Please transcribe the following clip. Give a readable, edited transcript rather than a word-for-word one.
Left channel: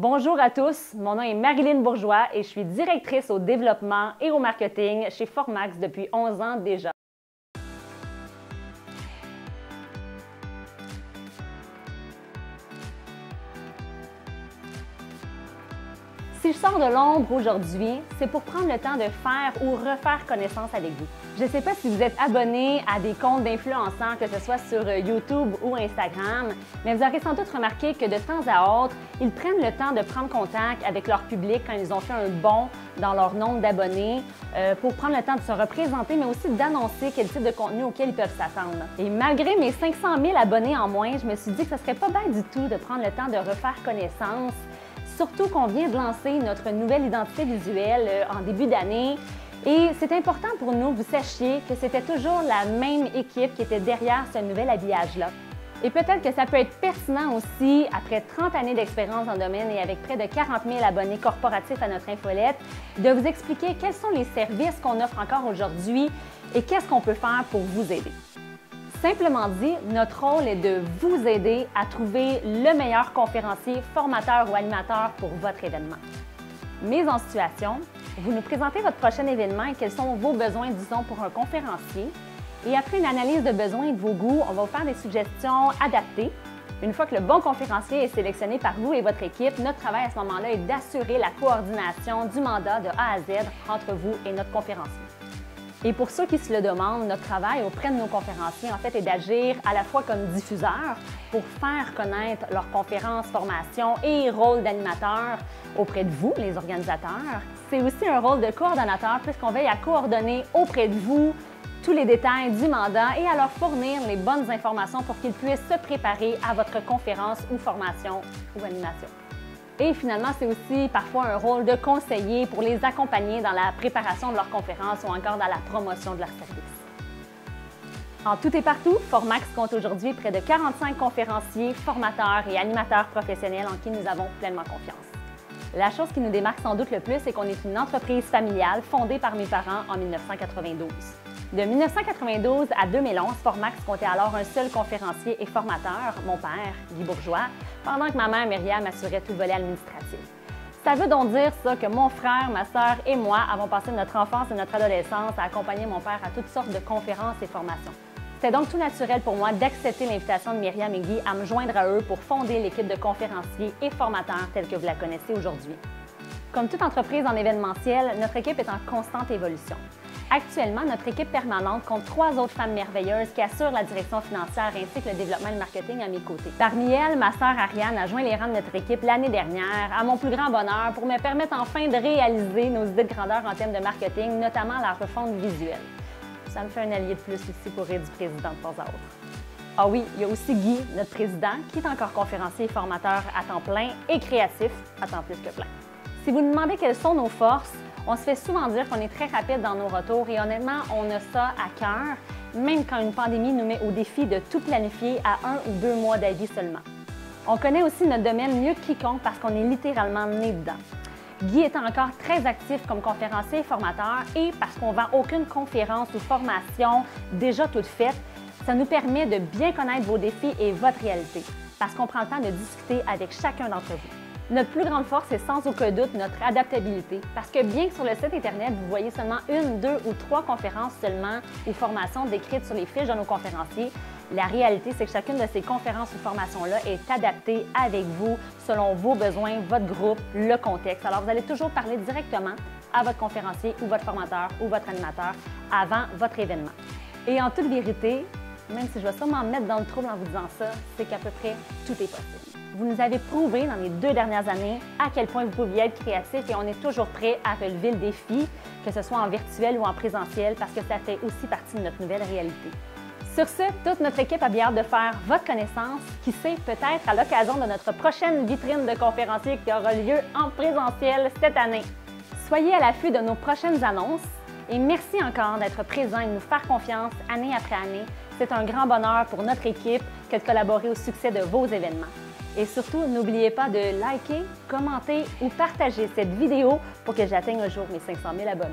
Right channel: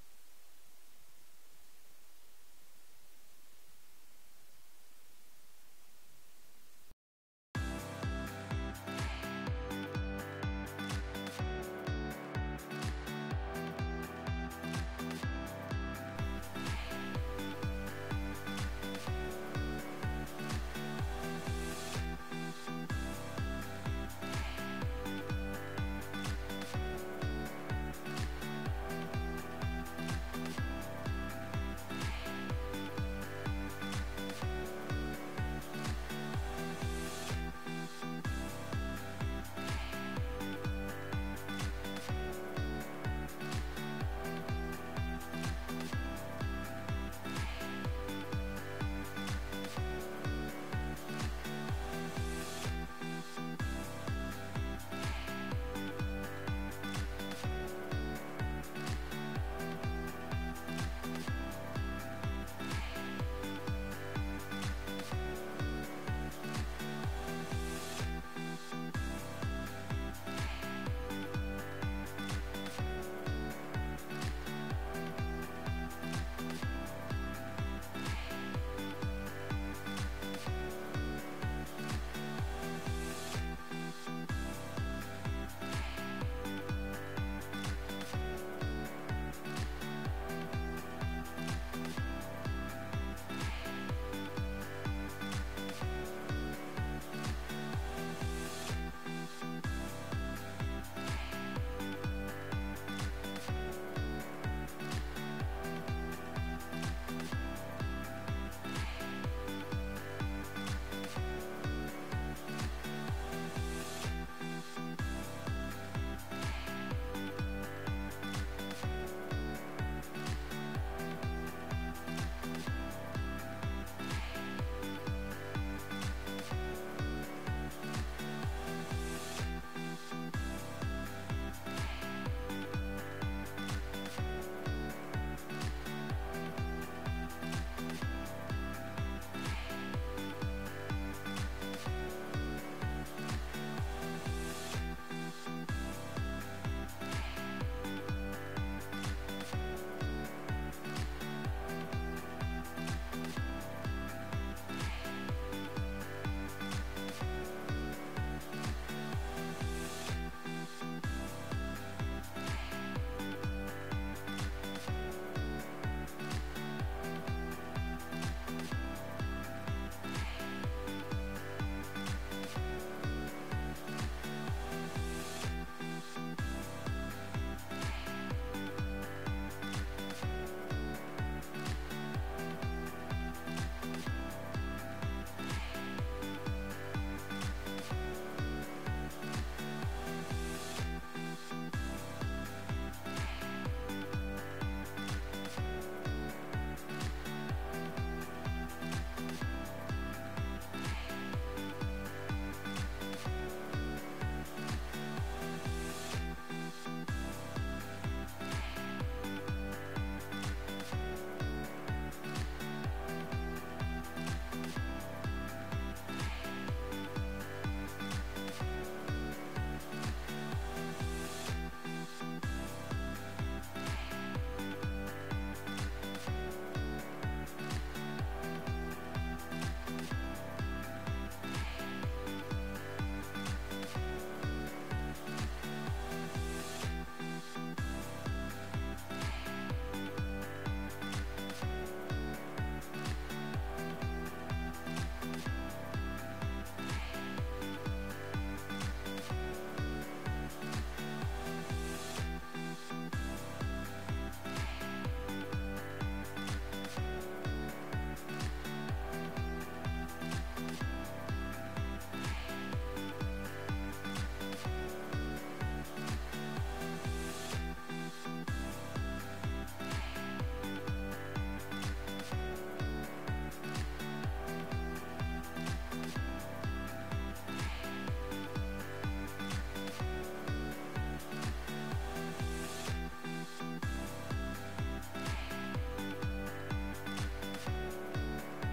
Bonjour à tous, mon nom est Marilyn Bourgeois et je suis directrice au développement et au marketing chez Formax depuis 11 ans déjà. Si je sors de l'ombre aujourd'hui, c'est pour prendre le temps de faire ou refaire connaissance avec vous. Je ne sais pas si vous êtes abonné à des comptes d'influenceurs, que ce soit sur YouTube ou Instagram, mais vous aurez sans doute remarqué que de temps à autre, ils prennent le temps de prendre contact avec leur public quand ils ont fait un bond dans leur nombre d'abonnés pour prendre le temps de se représenter, mais aussi d'annoncer quel type de contenu auquel ils peuvent s'attendre. Et malgré mes 500 000 abonnés en moins, je me suis dit que ce serait pas bête du tout de prendre le temps de refaire connaissance. Surtout qu'on vient de lancer notre nouvelle identité visuelle en début d'année. Et c'est important pour nous que vous sachiez que c'était toujours la même équipe qui était derrière ce nouvel habillage-là. Et peut-être que ça peut être pertinent aussi, après 30 années d'expérience dans le domaine et avec près de 40 000 abonnés corporatifs à notre infolette, de vous expliquer quels sont les services qu'on offre encore aujourd'hui et qu'est-ce qu'on peut faire pour vous aider. Simplement dit, notre rôle est de vous aider à trouver le meilleur conférencier, formateur ou animateur pour votre événement. Mise en situation, vous nous présentez votre prochain événement et quels sont vos besoins, disons, pour un conférencier. Et après une analyse de besoins et de vos goûts, on va vous faire des suggestions adaptées. Une fois que le bon conférencier est sélectionné par vous et votre équipe, notre travail à ce moment-là est d'assurer la coordination du mandat de A à Z entre vous et notre conférencier. Et pour ceux qui se le demandent, notre travail auprès de nos conférenciers, en fait, est d'agir à la fois comme diffuseur pour faire connaître leurs conférences, formations et rôle d'animateur auprès de vous, les organisateurs. C'est aussi un rôle de coordonnateur puisqu'on veille à coordonner auprès de vous tous les détails du mandat et à leur fournir les bonnes informations pour qu'ils puissent se préparer à votre conférence ou formation ou animation. Et finalement, c'est aussi parfois un rôle de conseiller pour les accompagner dans la préparation de leur conférence ou encore dans la promotion de leur service. En tout et partout, Formax compte aujourd'hui près de 45 conférenciers, formateurs et animateurs professionnels en qui nous avons pleinement confiance. La chose qui nous démarque sans doute le plus, c'est qu'on est une entreprise familiale fondée par mes parents en 1992. De 1992 à 2011, Formax comptait alors un seul conférencier et formateur, mon père, Guy Bourgeois, pendant que ma mère, Myriam, assurait tout le volet administratif. Ça veut donc dire ça que mon frère, ma sœur et moi avons passé notre enfance et notre adolescence à accompagner mon père à toutes sortes de conférences et formations. C'était donc tout naturel pour moi d'accepter l'invitation de Myriam et Guy à me joindre à eux pour fonder l'équipe de conférenciers et formateurs telle que vous la connaissez aujourd'hui. Comme toute entreprise en événementiel, notre équipe est en constante évolution. Actuellement, notre équipe permanente compte 3 autres femmes merveilleuses qui assurent la direction financière ainsi que le développement et le marketing à mes côtés. Parmi elles, ma sœur Ariane a joint les rangs de notre équipe l'année dernière, à mon plus grand bonheur, pour me permettre enfin de réaliser nos idées de grandeur en termes de marketing, notamment la refonte visuelle. Ça me fait un allié de plus aussi pour aider du président de temps à autre. Ah oui, il y a aussi Guy, notre président, qui est encore conférencier et formateur à temps plein et créatif à temps plus que plein. Si vous nous demandez quelles sont nos forces, on se fait souvent dire qu'on est très rapide dans nos retours et honnêtement, on a ça à cœur, même quand une pandémie nous met au défi de tout planifier à 1 ou 2 mois d'avis seulement. On connaît aussi notre domaine mieux que quiconque parce qu'on est littéralement né dedans. Guy étant encore très actif comme conférencier et formateur et parce qu'on ne vend aucune conférence ou formation déjà toute faite, ça nous permet de bien connaître vos défis et votre réalité, parce qu'on prend le temps de discuter avec chacun d'entre vous. Notre plus grande force est sans aucun doute notre adaptabilité, parce que bien que sur le site Internet, vous voyez seulement 1, 2 ou 3 conférences seulement ou formations décrites sur les fiches de nos conférenciers, la réalité, c'est que chacune de ces conférences ou formations-là est adaptée avec vous, selon vos besoins, votre groupe, le contexte. Alors, vous allez toujours parler directement à votre conférencier ou votre formateur ou votre animateur avant votre événement. Et en toute vérité, même si je vais sûrement me mettre dans le trouble en vous disant ça, c'est qu'à peu près tout est possible. Vous nous avez prouvé dans les 2 dernières années à quel point vous pouviez être créatif et on est toujours prêt à relever le défi, que ce soit en virtuel ou en présentiel, parce que ça fait aussi partie de notre nouvelle réalité. Sur ce, toute notre équipe a bien hâte de faire votre connaissance, qui sait peut-être à l'occasion de notre prochaine vitrine de conférenciers qui aura lieu en présentiel cette année. Soyez à l'affût de nos prochaines annonces et merci encore d'être présent et de nous faire confiance année après année. C'est un grand bonheur pour notre équipe que de collaborer au succès de vos événements. Et surtout, n'oubliez pas de liker, commenter ou partager cette vidéo pour que j'atteigne un jour mes 500 000 abonnés.